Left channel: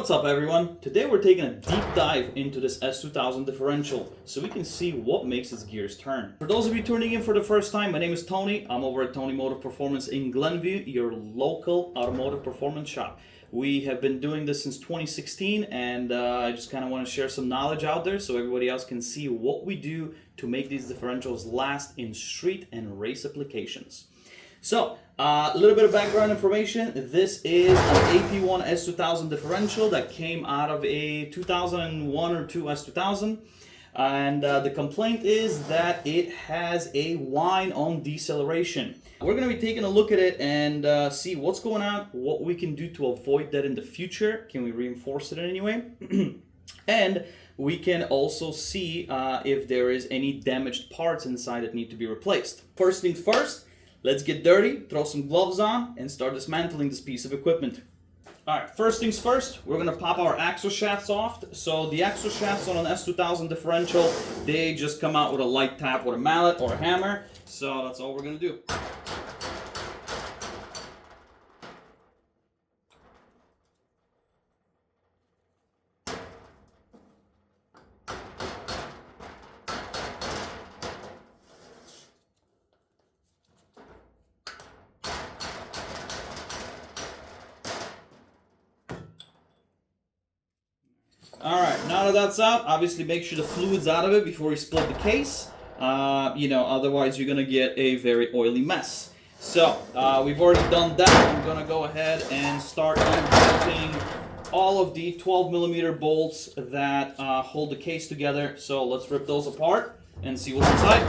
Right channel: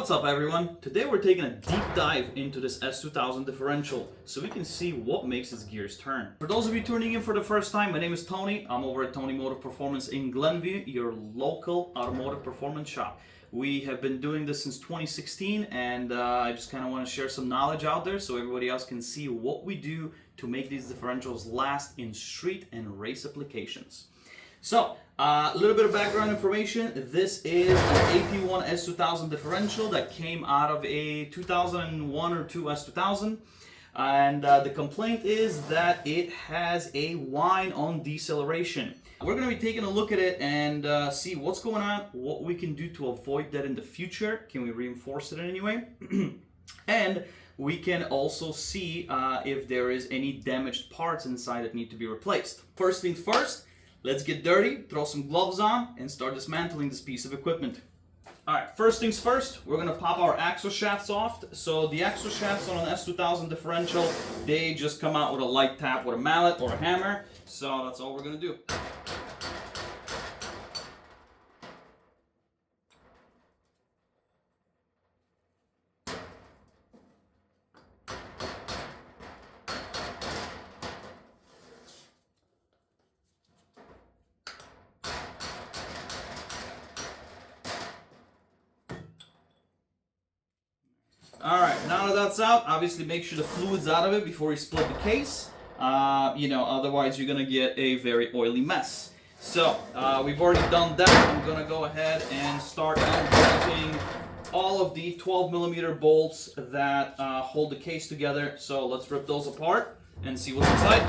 What's up everyone? Today we're taking a deep dive into this S2000 differential so we can see what makes its gears turn. For those of you tuning in for the first time, my name is Tony. I'm over at Tony Motive Performance in Glenview, your local automotive performance shop. We have been doing this since 2016 and I just kind of want to share some knowledge out there so everybody else can see what we do to make these differentials last in street and race applications. So, a little bit of background information. This is an AP1 S2000 differential that came out of a 2001 or 2 S2000. And the complaint is that it has a whine on deceleration. We're going to be taking a look at it and see what's going on, what we can do to avoid that in the future. Can we reinforce it in any way? And we can also see if there is any damaged parts inside that need to be replaced. First things first. Let's get dirty, throw some gloves on, and start dismantling this piece of equipment. Alright, first things first, we're going to pop our axle shafts off. So the axle shafts on an S2000 differential, they just come out with a light tap with a mallet or a hammer. So that's all we're going to do. Alright, now that that's out, obviously make sure the fluid's out of it before you split the case. Otherwise you're going to get a very oily mess. So, we've already done that. I'm going to go ahead and start unbolting all of the 12mm bolts that hold the case together. So let's rip those apart and see what's inside.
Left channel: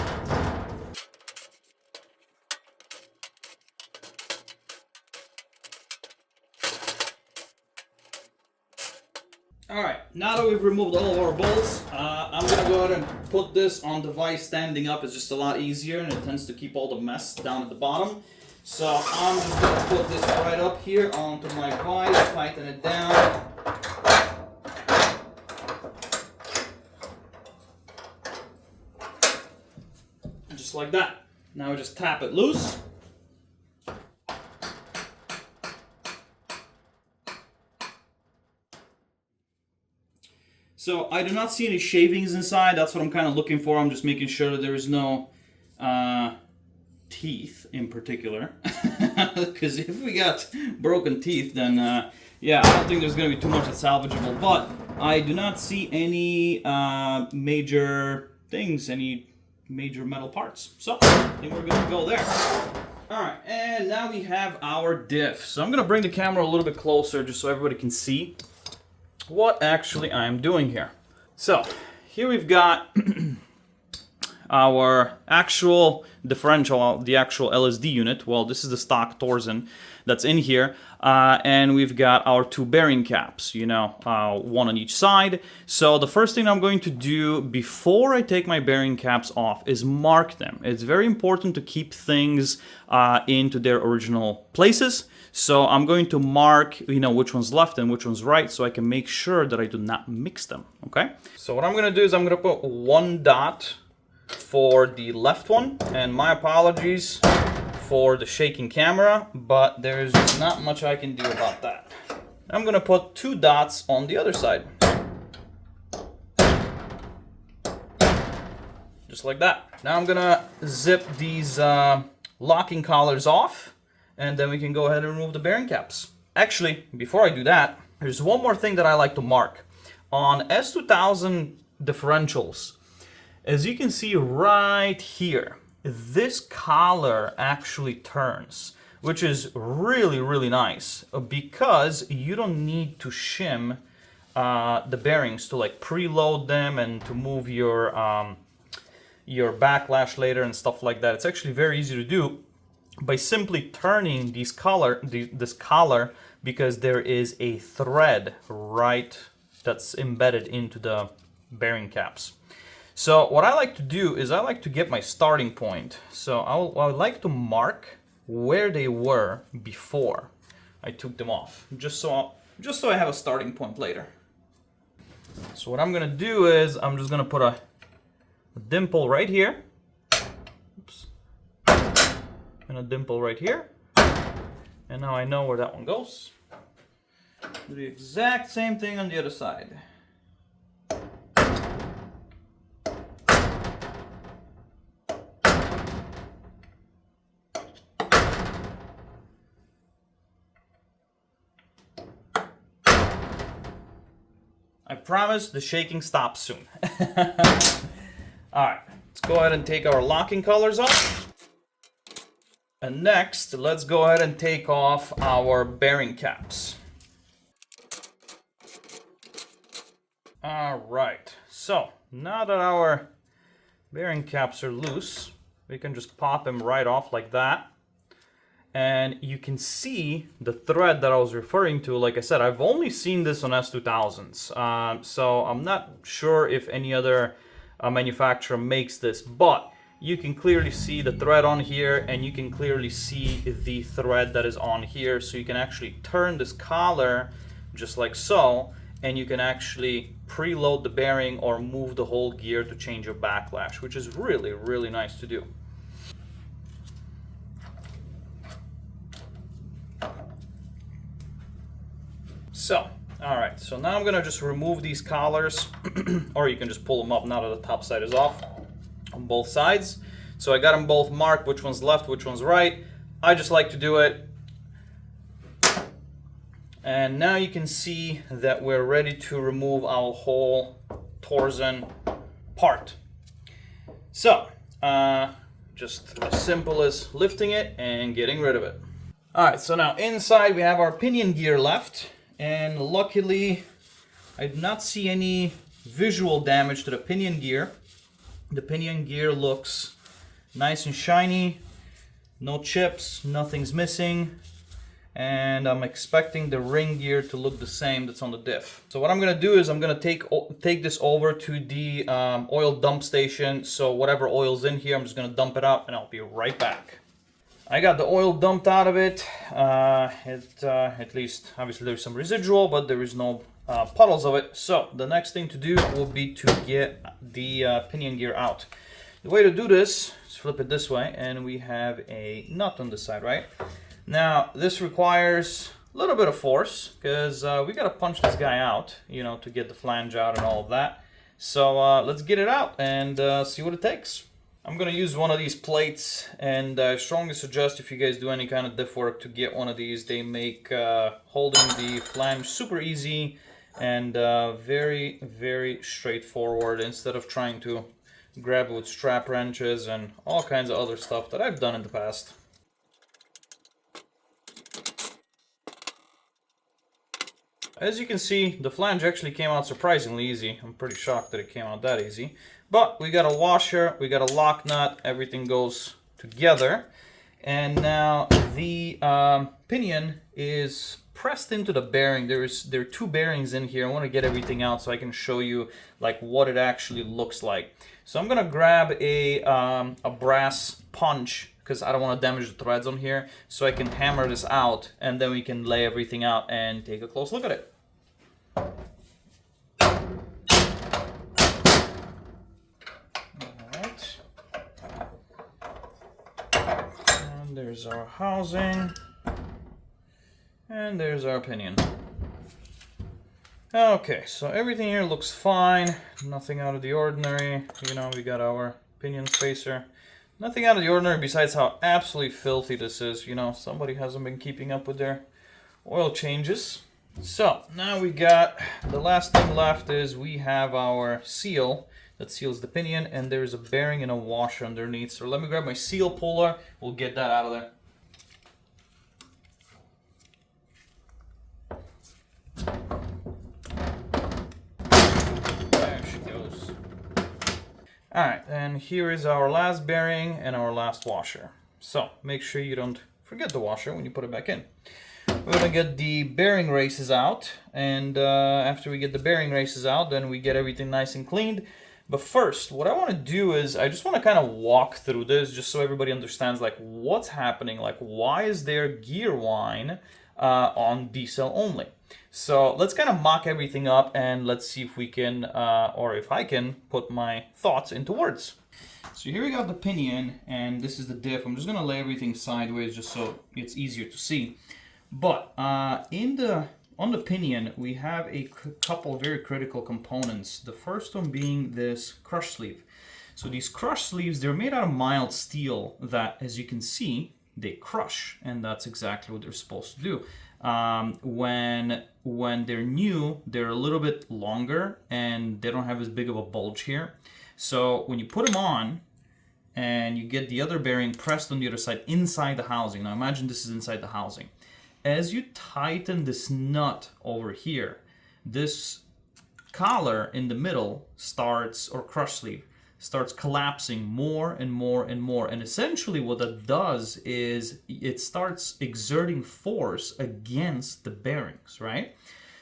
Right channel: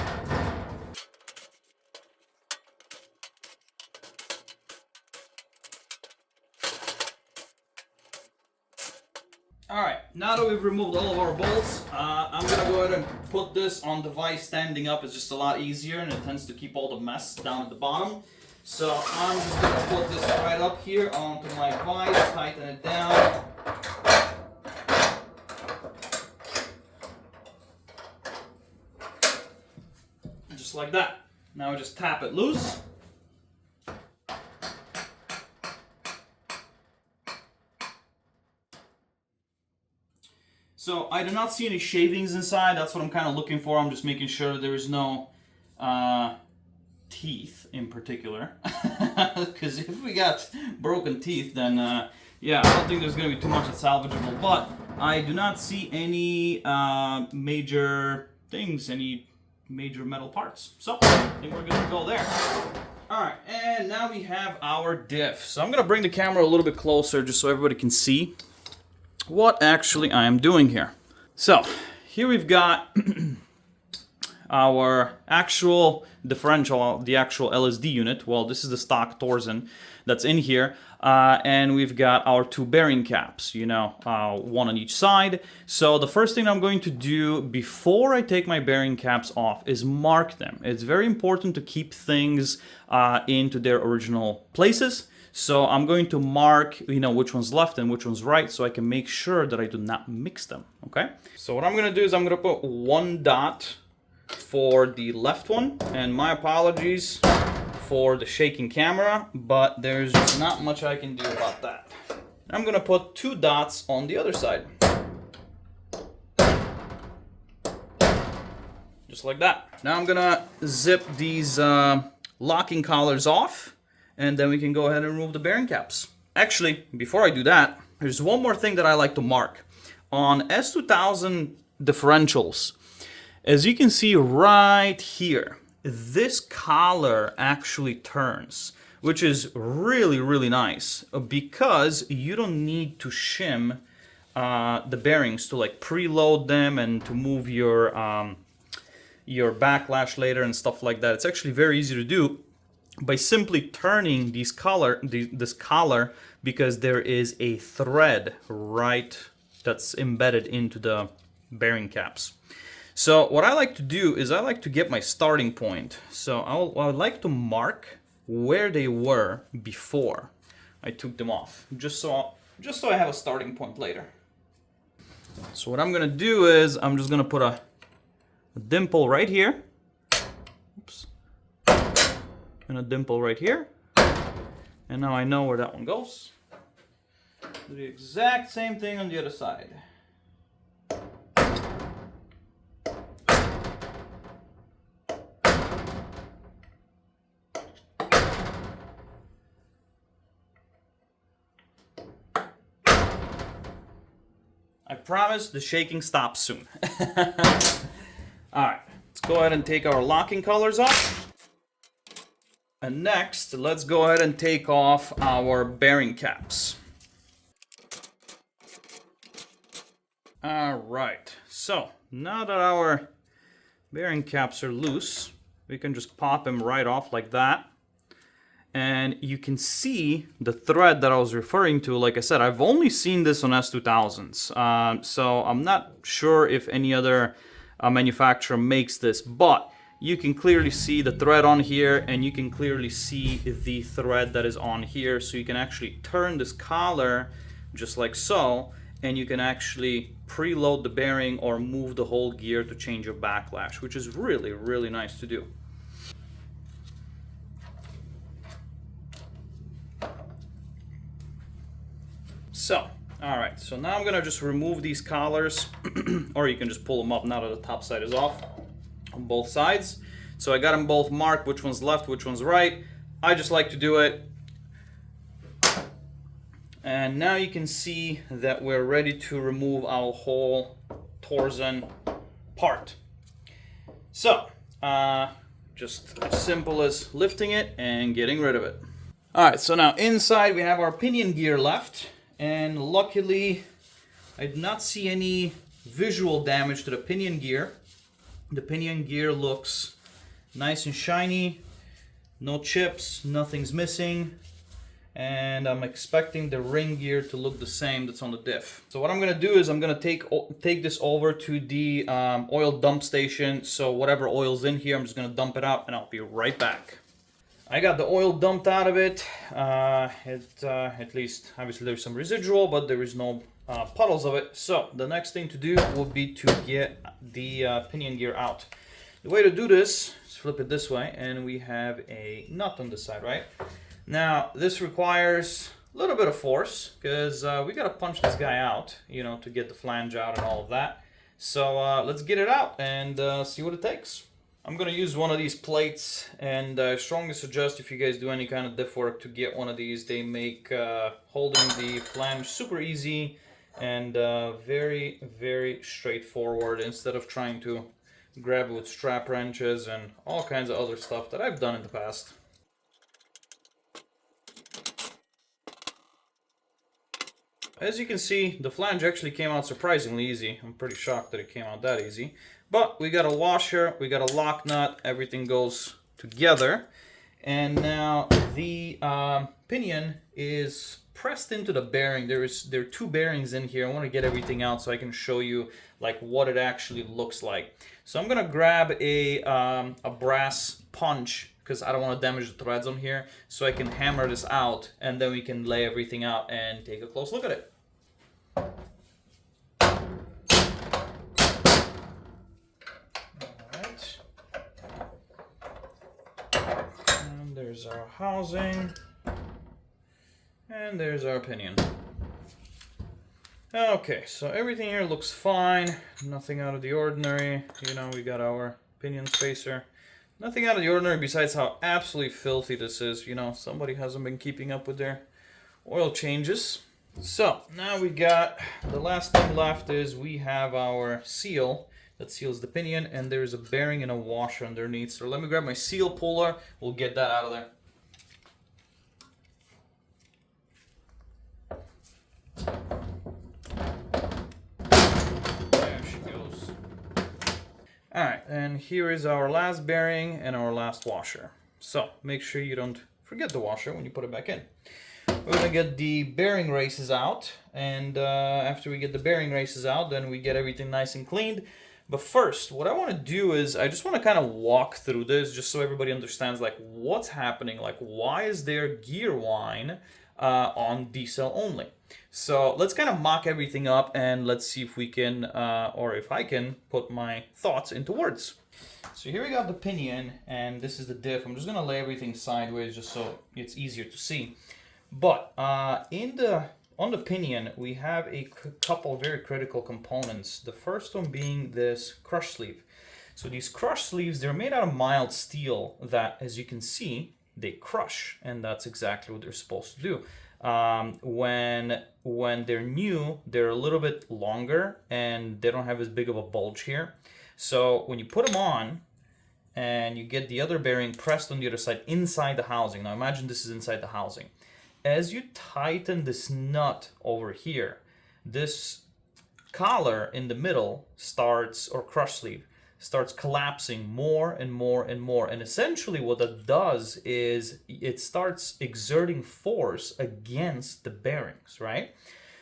Alright, now that we've removed all of our bolts, I'm going to go ahead and put this on the vise standing up. It's just a lot easier and it tends to keep all the mess down at the bottom. So I'm just going to put this right up here onto my vise, tighten it down. Just like that. Now we just tap it loose. So I do not see any shavings inside. That's what I'm kind of looking for. I'm just making sure that there is no teeth in particular. Because if we got broken teeth, then yeah, I don't think there's going to be too much that's salvageable. But I do not see any major things, any major metal parts. So I think we're good to go there. Alright, and now we have our diff. So I'm going to bring the camera a little bit closer just so everybody can see what actually I am doing here. So here we've got our actual differential, the actual LSD unit. Well, this is the stock torsion that's in here, and we've got our two bearing caps, one on each side. So the first thing I'm going to do before I take my bearing caps off is mark them. It's very important to keep things into their original places. So I'm going to mark, which one's left and which one's right so I can make sure that I do not mix them, okay? So what I'm going to do is I'm going to put one dot for the left one, and my apologies for the shaking camera, but there's just not much I can do about that. I'm going to put two dots on the other side. Just like that. Now I'm going to zip these locking collars off. And then we can go ahead and remove the bearing caps. Actually, before I do that, there's one more thing that I like to mark. On S2000 differentials, as you can see right here, this collar actually turns, which is really, really nice because you don't need to shim the bearings to like preload them and to move your backlash later and stuff like that. It's actually very easy to do by simply turning this collar because there is a thread right that's embedded into the bearing caps. So what I like to do is I like to get my starting point. So I like to mark where they were before I took them off, just so I have a starting point later. So what I'm gonna do is I'm just gonna put a dimple right here. Oops. And a dimple right here. And now I know where that one goes. Do the exact same thing on the other side. I promise the shaking stops soon. Alright, let's go ahead and take our locking collars off. And next, let's go ahead and take off our bearing caps. Alright, so now that our bearing caps are loose, we can just pop them right off like that. And you can see the thread that I was referring to. Like I said, I've only seen this on S2000s, so I'm not sure if any other manufacturer makes this, but you can clearly see the thread on here, and you can clearly see the thread that is on here. So you can actually turn this collar just like so, and you can actually preload the bearing or move the whole gear to change your backlash, which is really, really nice to do. So, alright, so now I'm gonna just remove these collars, or you can just pull them up now that the top side is off on both sides. So I got them both marked, which one's left, which one's right. I just like to do it. And now you can see that we're ready to remove our whole torsion part. So, just as simple as lifting it and getting rid of it. Alright, so now inside we have our pinion gear left. And luckily, I did not see any visual damage to the pinion gear. The pinion gear looks nice and shiny, no chips, nothing's missing. And I'm expecting the ring gear to look the same that's on the diff. So what I'm gonna do is I'm gonna take this over to the oil dump station. So whatever oil's in here, I'm just gonna dump it out and I'll be right back. I got the oil dumped out of it. At least, obviously there's some residual, but there is no puddles of it. So the next thing to do will be to get the pinion gear out. The way to do this is flip it this way, and we have a nut on this side, right? Now, this requires a little bit of force, because we gotta punch this guy out, you know, to get the flange out and all of that. So let's get it out and see what it takes. I'm gonna use one of these plates, and I strongly suggest, if you guys do any kind of diff work, to get one of these. They make holding the flange super easy and very, very straightforward, instead of trying to grab it with strap wrenches and all kinds of other stuff that I've done in the past. As you can see, the flange actually came out surprisingly easy. I'm pretty shocked that it came out that easy. But we got a washer, we got a lock nut, everything goes together. And now the pinion is pressed into the bearing. There are two bearings in here. I want to get everything out so I can show you like what it actually looks like. So I'm gonna grab a brass punch, because I don't want to damage the threads on here, so I can hammer this out, and then we can lay everything out and take a close look at it. Alright. And there's our housing. And there's our pinion. Okay, so everything here looks fine. Nothing out of the ordinary. You know, we got our pinion spacer. Nothing out of the ordinary besides how absolutely filthy this is. You know, somebody hasn't been keeping up with their oil changes. So now we got, the last thing left is we have our seal that seals the pinion, and there's a bearing and a washer underneath. So let me grab my seal puller, we'll get that out of there. There she goes. Alright, and here is our last bearing and our last washer. So make sure you don't forget the washer when you put it back in. We're going to get the bearing races out, and after we get the bearing races out, then we get everything nice and cleaned. But first, what I want to do is I just want to kind of walk through this just so everybody understands like what's happening, like why is there gear whine on decel only. So let's kind of mock everything up, and let's see if we can, or if I can, put my thoughts into words. So here we got the pinion, and this is the diff. I'm just going to lay everything sideways just so it's easier to see. But in the on the pinion, we have a couple very critical components. The first one being this crush sleeve. So these crush sleeves, they're made out of mild steel that, as you can see, they crush, and that's exactly what they're supposed to do. When they're new, they're a little bit longer and they don't have as big of a bulge here. So when you put them on and you get the other bearing pressed on the other side inside the housing. Now imagine this is inside the housing. As you tighten this nut over here, this collar in the middle starts, or crush sleeve, starts collapsing more and more and more. And essentially what that does is it starts exerting force against the bearings, right?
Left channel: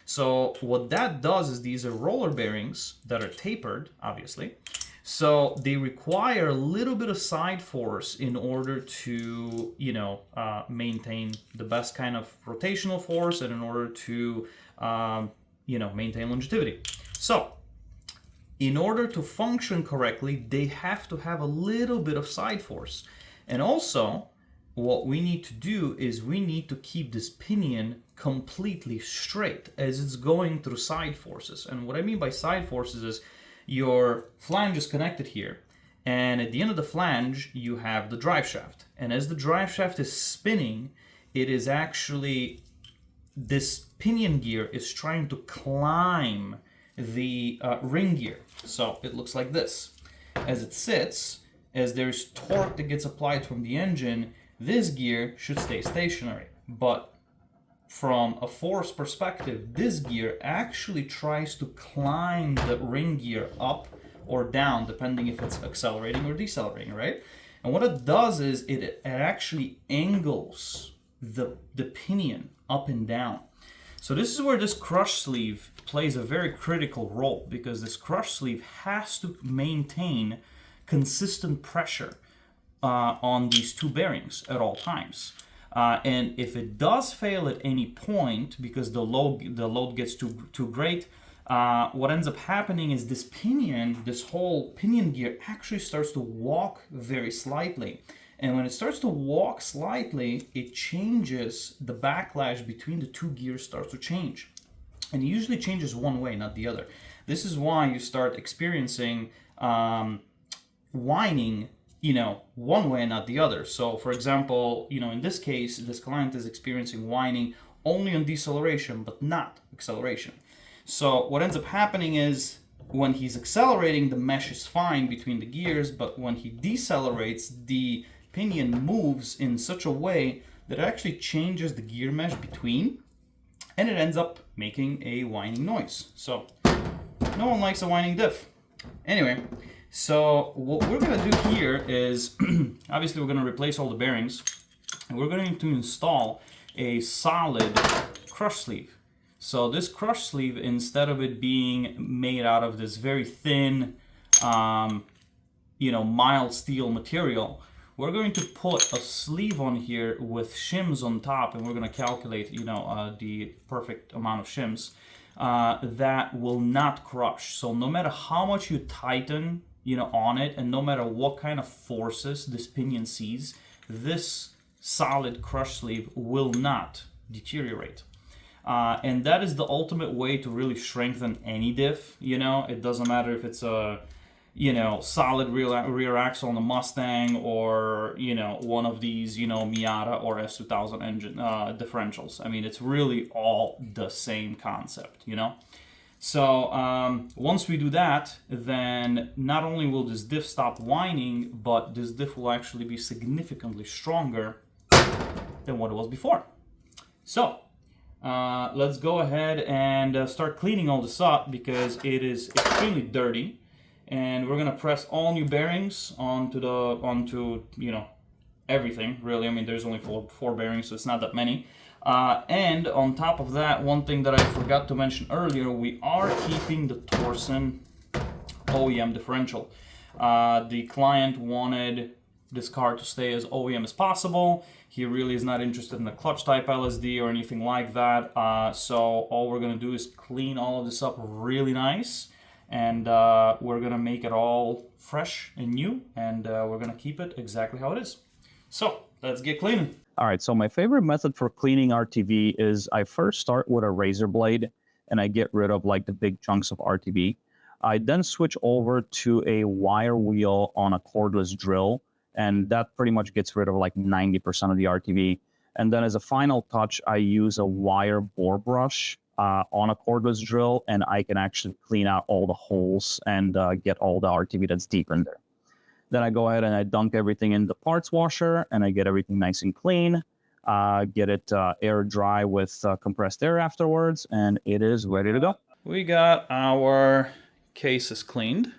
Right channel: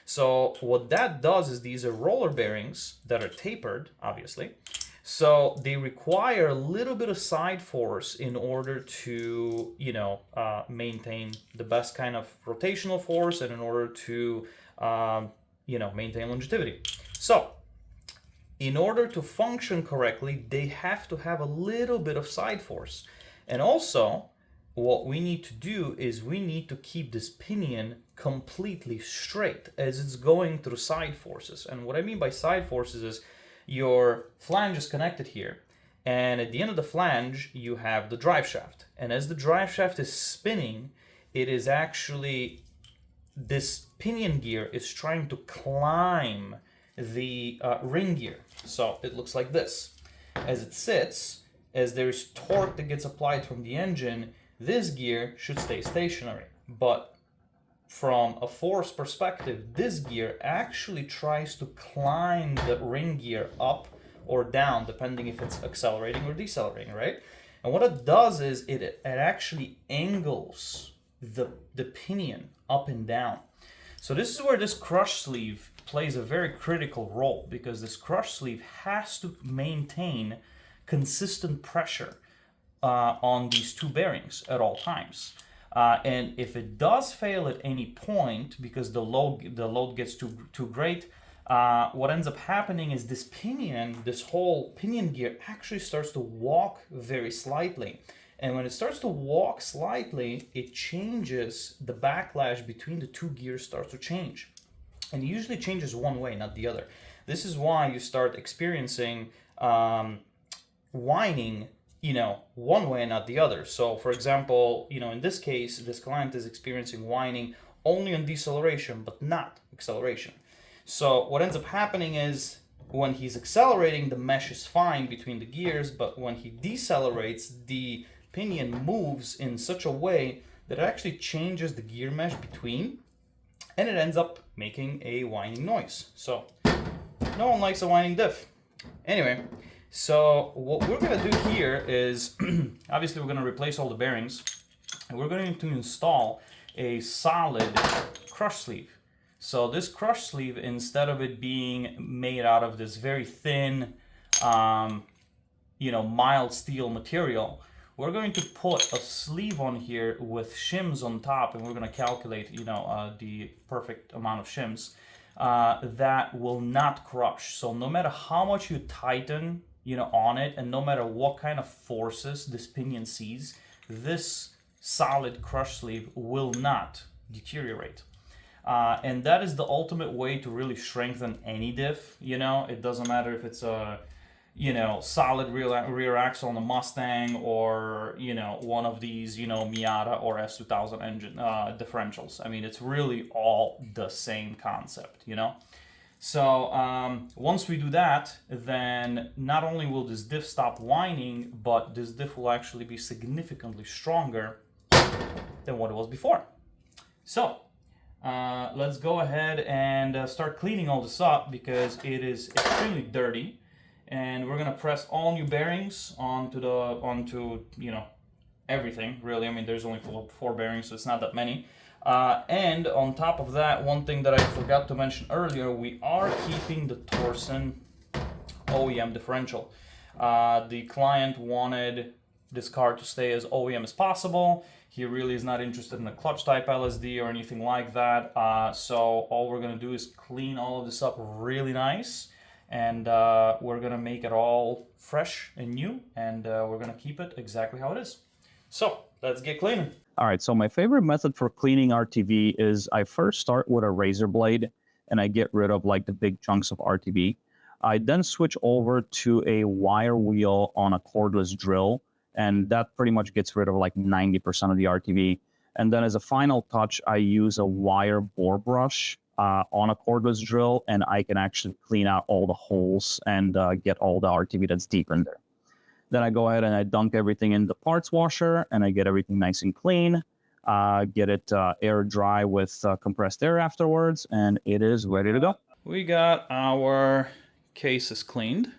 So what that does is these are roller bearings that are tapered, obviously. So they require a little bit of side force in order to, maintain the best kind of rotational force and in order to, maintain longevity. So in order to function correctly, they have to have a little bit of side force. And also, what we need to do is we need to keep this pinion completely straight as it's going through side forces. And what I mean by side forces is your flange is connected here. And at the end of the flange, you have the drive shaft. And as the drive shaft is spinning, it is actually, this pinion gear is trying to climb the ring gear. So it looks like this. As it sits, as there's torque that gets applied from the engine, this gear should stay stationary. But from a force perspective, this gear actually tries to climb the ring gear up or down, depending if it's accelerating or decelerating, right? And what it does is it actually angles the pinion up and down. So this is where this crush sleeve plays a very critical role, because this crush sleeve has to maintain consistent pressure on these two bearings at all times. And if it does fail at any point because the load gets too great, what ends up happening is this pinion, this whole pinion gear actually starts to walk very slightly. And when it starts to walk slightly, it changes, the backlash between the two gears starts to change. And it usually changes one way, not the other. This is why you start experiencing whining, one way and not the other. So for example, in this case, this client is experiencing whining only on deceleration, but not acceleration. So what ends up happening is when he's accelerating, the mesh is fine between the gears, but when he decelerates, the pinion moves in such a way that it actually changes the gear mesh between, and it ends up making a whining noise. So no one likes a whining diff. Anyway, so what we're going to do here is, obviously we're going to replace all the bearings, and we're going to install a solid crush sleeve. So this crush sleeve, instead of it being made out of this very thin, mild steel material, we're going to put a sleeve on here with shims on top, and we're going to calculate, the perfect amount of shims that will not crush. So no matter how much you tighten, on it, and no matter what kind of forces this pinion sees, this solid crush sleeve will not deteriorate. And that is the ultimate way to really strengthen any diff. It doesn't matter if it's a solid rear axle on a Mustang or, one of these, Miata or S2000 engine differentials. I mean, it's really all the same concept, So once we do that, then not only will this diff stop whining, but this diff will actually be significantly stronger than what it was before. So let's go ahead and start cleaning all this up, because it is extremely dirty. And we're gonna press all new bearings onto everything, really. I mean, there's only four bearings, so it's not that many. And on top of that, one thing that I forgot to mention earlier, we are keeping the Torsen OEM differential. The client wanted this car to stay as OEM as possible. He really is not interested in a clutch type LSD or anything like that. So all we're gonna do is clean all of this up really nice. And we're gonna make it all fresh and new, and we're gonna keep it exactly how it is. So let's get cleaning. All right, so my favorite method for cleaning RTV is I first start with a razor blade and I get rid of like the big chunks of RTV. I then switch over to a wire wheel on a cordless drill, and that pretty much gets rid of like 90% of the RTV. And then as a final touch, I use a wire bore brush on a cordless drill, and I can actually clean out all the holes and get all the RTV that's deep in there. Then I go ahead and I dunk everything in the parts washer, and I get everything nice and clean. Get it air dry with compressed air afterwards, and it is ready to go. We got our cases cleaned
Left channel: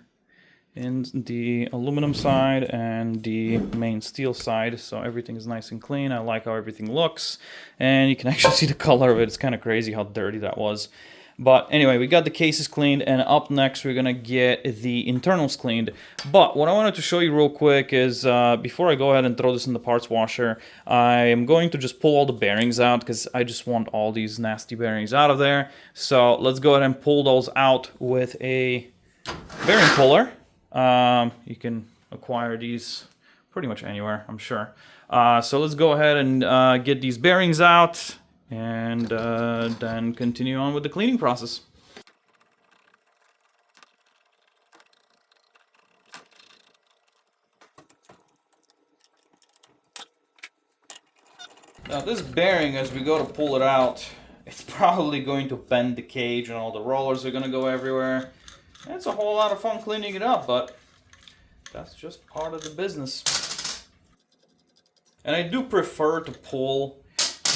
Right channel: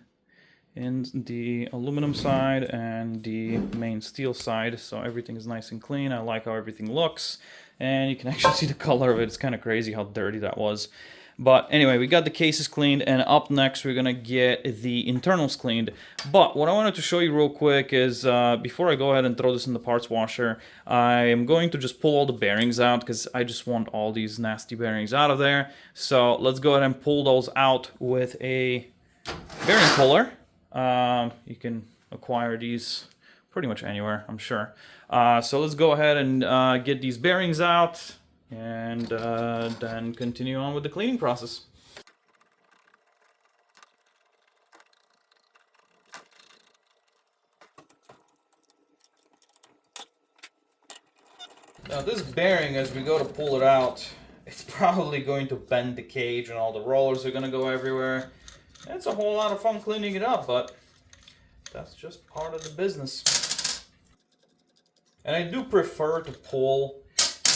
in the aluminum side and the main steel side, so everything is nice and clean. I like how everything looks, and you can actually see the color of it. It's kind of crazy how dirty that was. But anyway, we got the cases cleaned, and up next we're gonna get the internals cleaned. But what I wanted to show you real quick is before I go ahead and throw this in the parts washer, I am going to just pull all the bearings out because I just want all these nasty bearings out of there. So let's go ahead and pull those out with a bearing puller. You can acquire these pretty much anywhere, I'm sure. So let's go ahead and get these bearings out, and then continue on with the cleaning process. Now this bearing, as we go to pull it out, it's probably going to bend the cage and all the rollers are going to go everywhere. It's a whole lot of fun cleaning it up, but that's just part of the business. And I do prefer to pull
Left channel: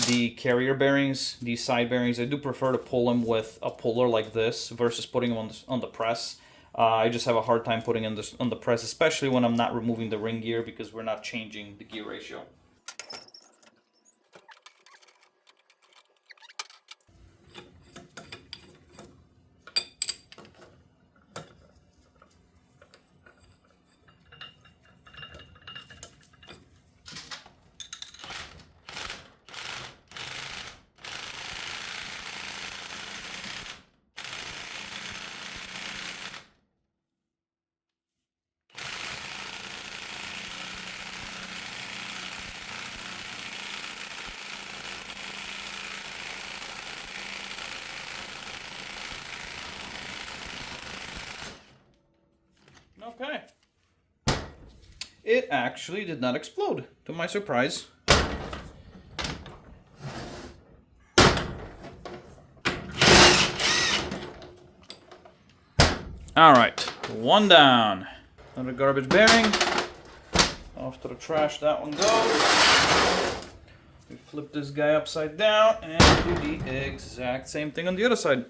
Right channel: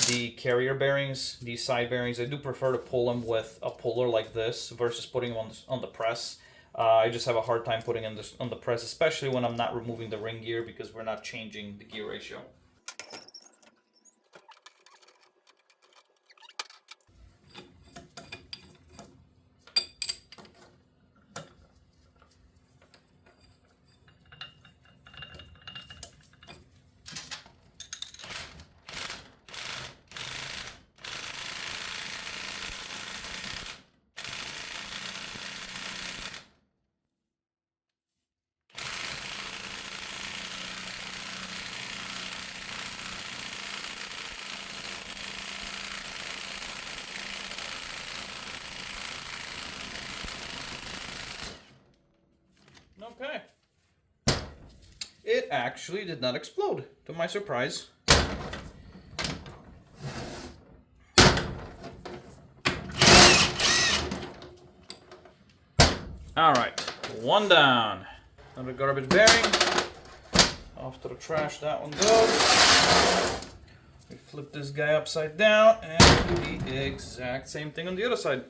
the carrier bearings, these side bearings. I do prefer to pull them with a puller like this versus putting them on the press. I just have a hard time putting them on the press, especially when I'm not removing the ring gear because we're not changing the gear ratio. Okay. It actually did not explode, to my surprise. Alright, one down. Another garbage bearing. Off to the trash that one goes. We flip this guy upside down and do the exact same thing on the other side.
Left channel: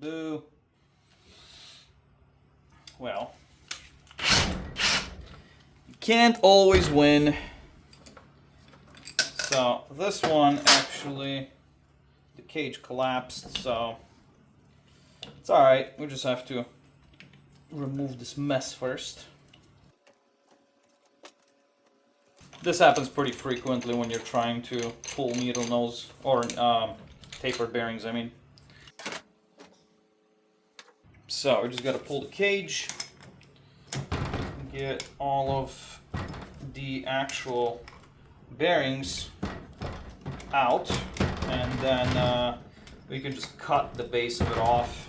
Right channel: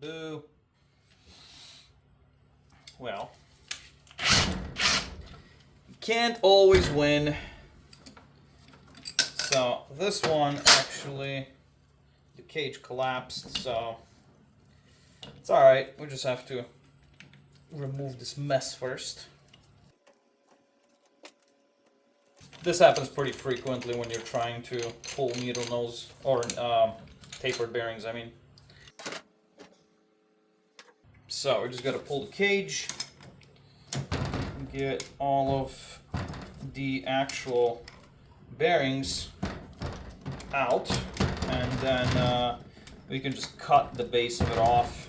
Boo. Well, you can't always win. So this one actually, the cage collapsed, so it's alright. We just have to remove this mess first. This happens pretty frequently when you're trying to pull needle nose or tapered bearings, I mean. So we just got to pull the cage, get all of the actual bearings out, and then we can just cut the base of it off.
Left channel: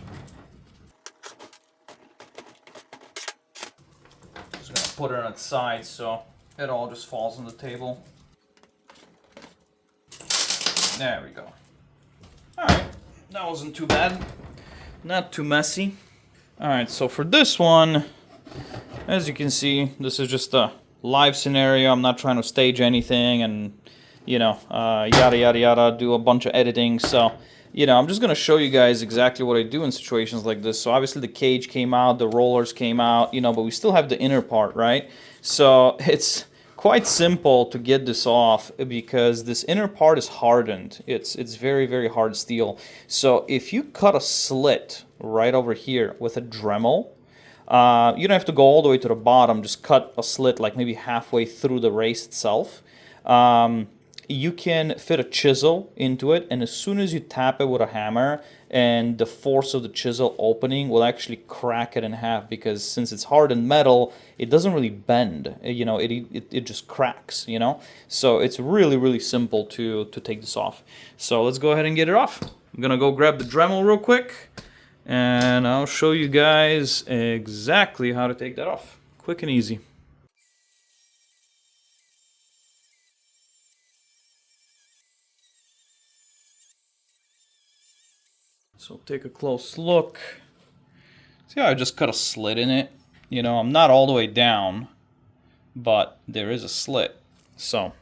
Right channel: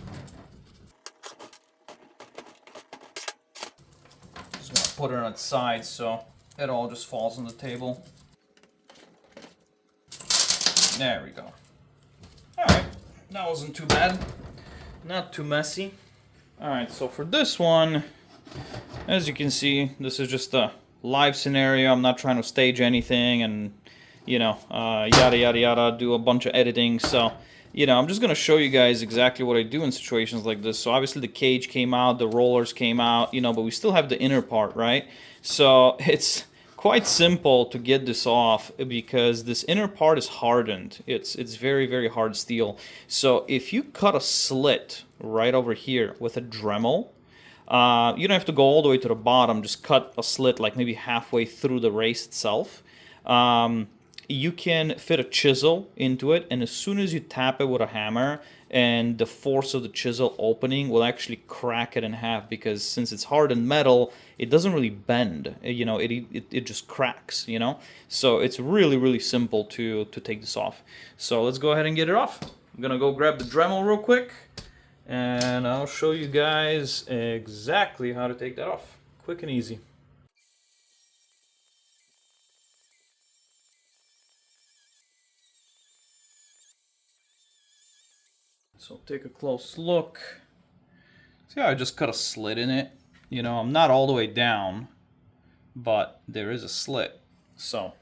Just gonna put it on its side so it all just falls on the table. There we go. Alright, that wasn't too bad. Not too messy. Alright, so for this one, as you can see, this is just a live scenario. I'm not trying to stage anything and, you know, yada yada yada, do a bunch of editing. So, you know, I'm just going to show you guys exactly what I do in situations like this. So obviously the cage came out, the rollers came out, you know, but we still have the inner part, right? So it's quite simple to get this off because this inner part is hardened. It's very, very hard steel. So if you cut a slit right over here with a Dremel, you don't have to go all the way to the bottom. Just cut a slit like maybe halfway through the race itself. you can fit a chisel into it, and as soon as you tap it with a hammer, and the force of the chisel opening will actually crack it in half, because since it's hardened metal, it doesn't really bend. You know, it just cracks, you know? So it's really, really simple to take this off. So let's go ahead and get it off. I'm gonna go grab the Dremel real quick, and I'll show you guys exactly how to take that off. Quick and easy. So take a close look. See how I just cut a slit in it? You know, I'm not all the way down, but there is a slit. So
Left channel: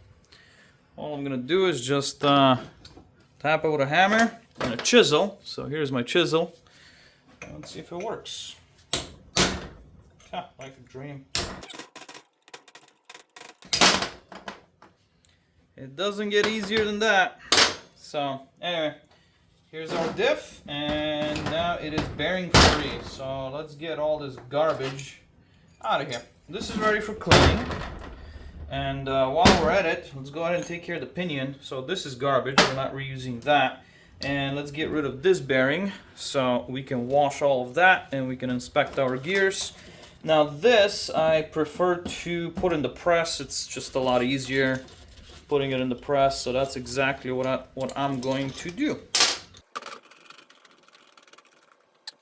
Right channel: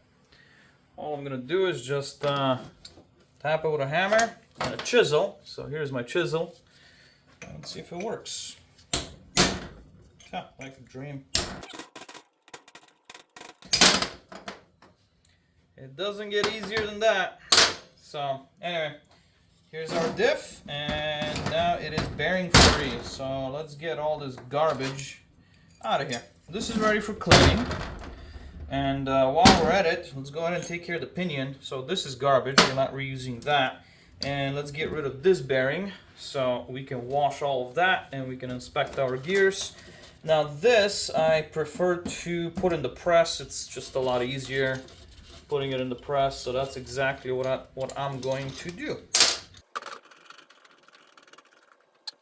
all I'm gonna do is just tap it with a hammer and a chisel. So here's my chisel. Let's see if it works. Like a dream. It doesn't get easier than that. So anyway, here's our diff, and now it is bearing free. So let's get all this garbage out of here. This is ready for cleaning. And while we're at it, let's go ahead and take care of the pinion. So this is garbage, we're not reusing that. And let's get rid of this bearing so we can wash all of that and we can inspect our gears. Now this I prefer to put in the press. It's just a lot easier putting it in the press. So that's exactly what I'm going to do.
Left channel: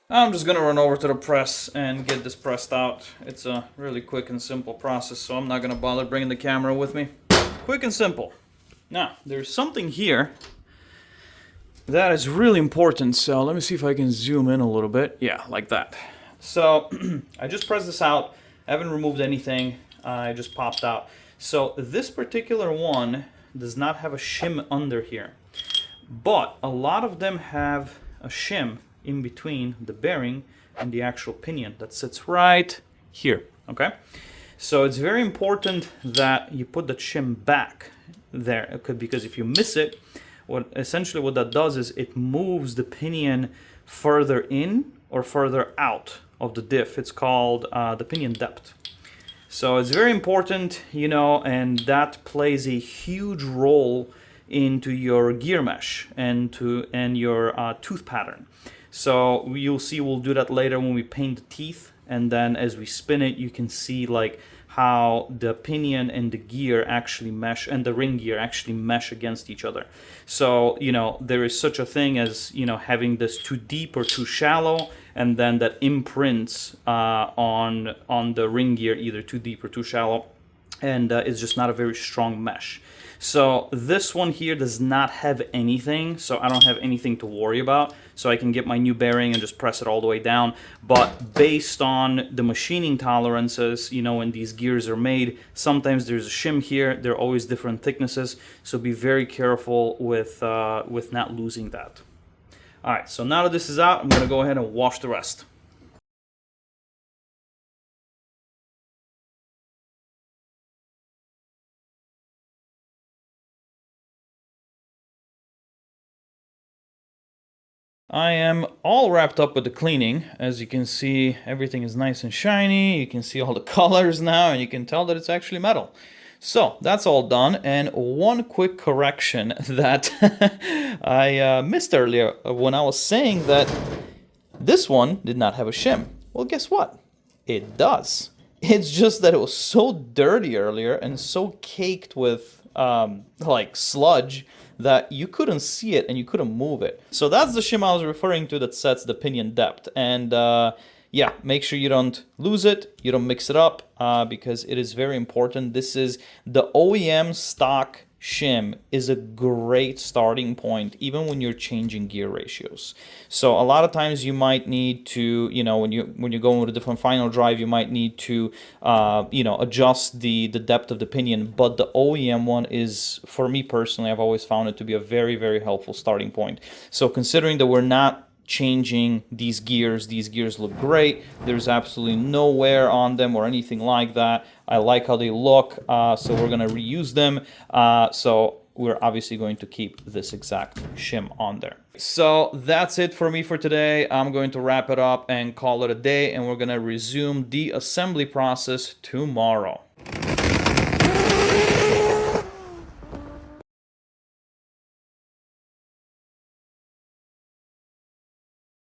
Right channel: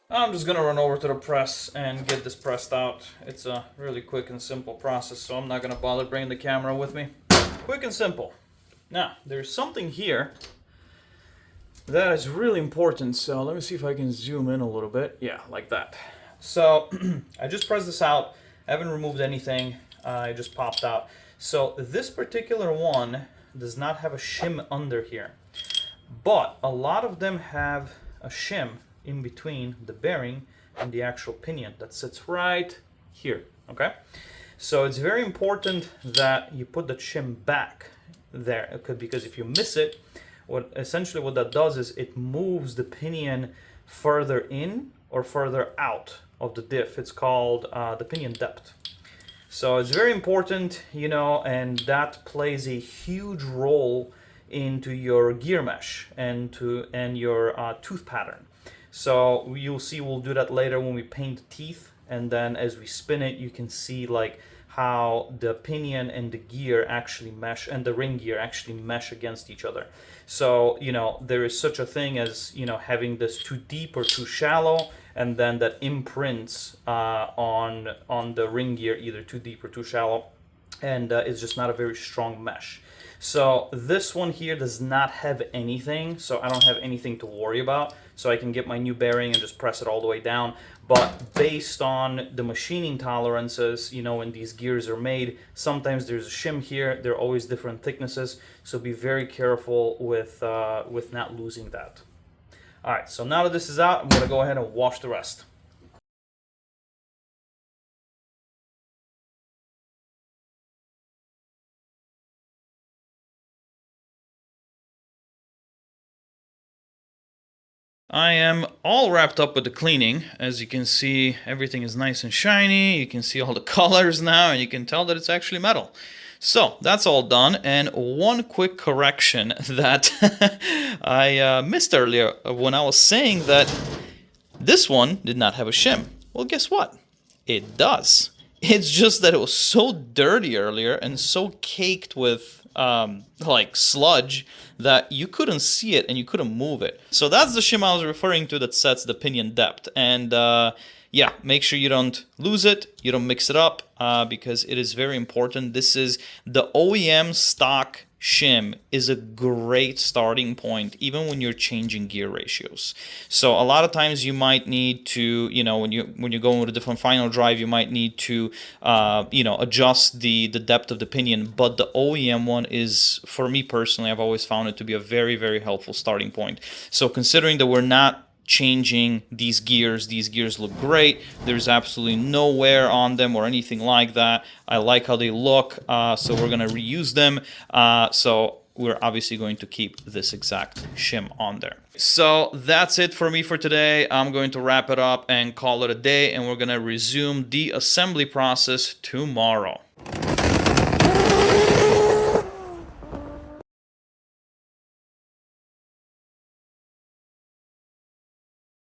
I'm just gonna run over to the press and get this pressed out. It's a really quick and simple process, so I'm not gonna bother bringing the camera with me. Quick and simple. Now, there's something here that is really important, so let me see if I can zoom in a little bit. Yeah, like that. So, I just pressed this out. I haven't removed anything. I just popped out. So, this particular one does not have a shim under here, but a lot of them have a shim in between the bearing and the actual pinion that sits right here, okay? So it's very important that you put the shim back there, because if you miss it, essentially what that does is it moves the pinion further in or further out of the diff. It's called the pinion depth. So it's very important, you know, and that plays a huge role into your gear mesh and your tooth pattern. So you'll see we'll do that later when we paint the teeth, and then as we spin it, you can see like how the pinion and the gear actually mesh, and the ring gear actually mesh against each other. So, you know, there is such a thing as, you know, having this too deep or too shallow, and then that imprints on the ring gear either too deep or too shallow, and it's just not a very strong mesh. So this one here does not have anything, so I don't have anything to worry about. So I can get my new bearing and just press it all the way down. But based on the machining tolerances, you know, when these gears are made, sometimes there's a shim here. They're always different thicknesses, so be very careful with not losing that. All right, so now that this is out, I'm gonna go ahead and wash the rest. I am all wrapped up with the cleaning. As you can see, everything is nice and shiny. You can see all the colors now, and you can tell that it's actually metal. So that's all done, and one quick correction that I missed earlier when I was saying that this one did not have a shim. Well, guess what? It does. It's just that it was so dirty earlier and so caked with like sludge that you couldn't see it and you couldn't move it. So that's the shim I was referring to that sets the pinion depth. And yeah, make sure you don't lose it, you don't mix it up, because it is very important. This is the OEM stock shim is a great starting point even when you're changing gear ratios. So a lot of times you might need to, you know, when you're going with a different final drive, you might need to you know, adjust the depth of the pinion. But the OEM one is, for me personally, I've always found it to be a very, very helpful starting point. So considering that we're not changing these gears look great. There's absolutely no wear on them or anything like that. I like how they look, so we're gonna reuse them. So we're obviously going to keep this exact shim on there. So that's it for me for today. I'm going to wrap it up and call it a day, and we're gonna resume the assembly process tomorrow.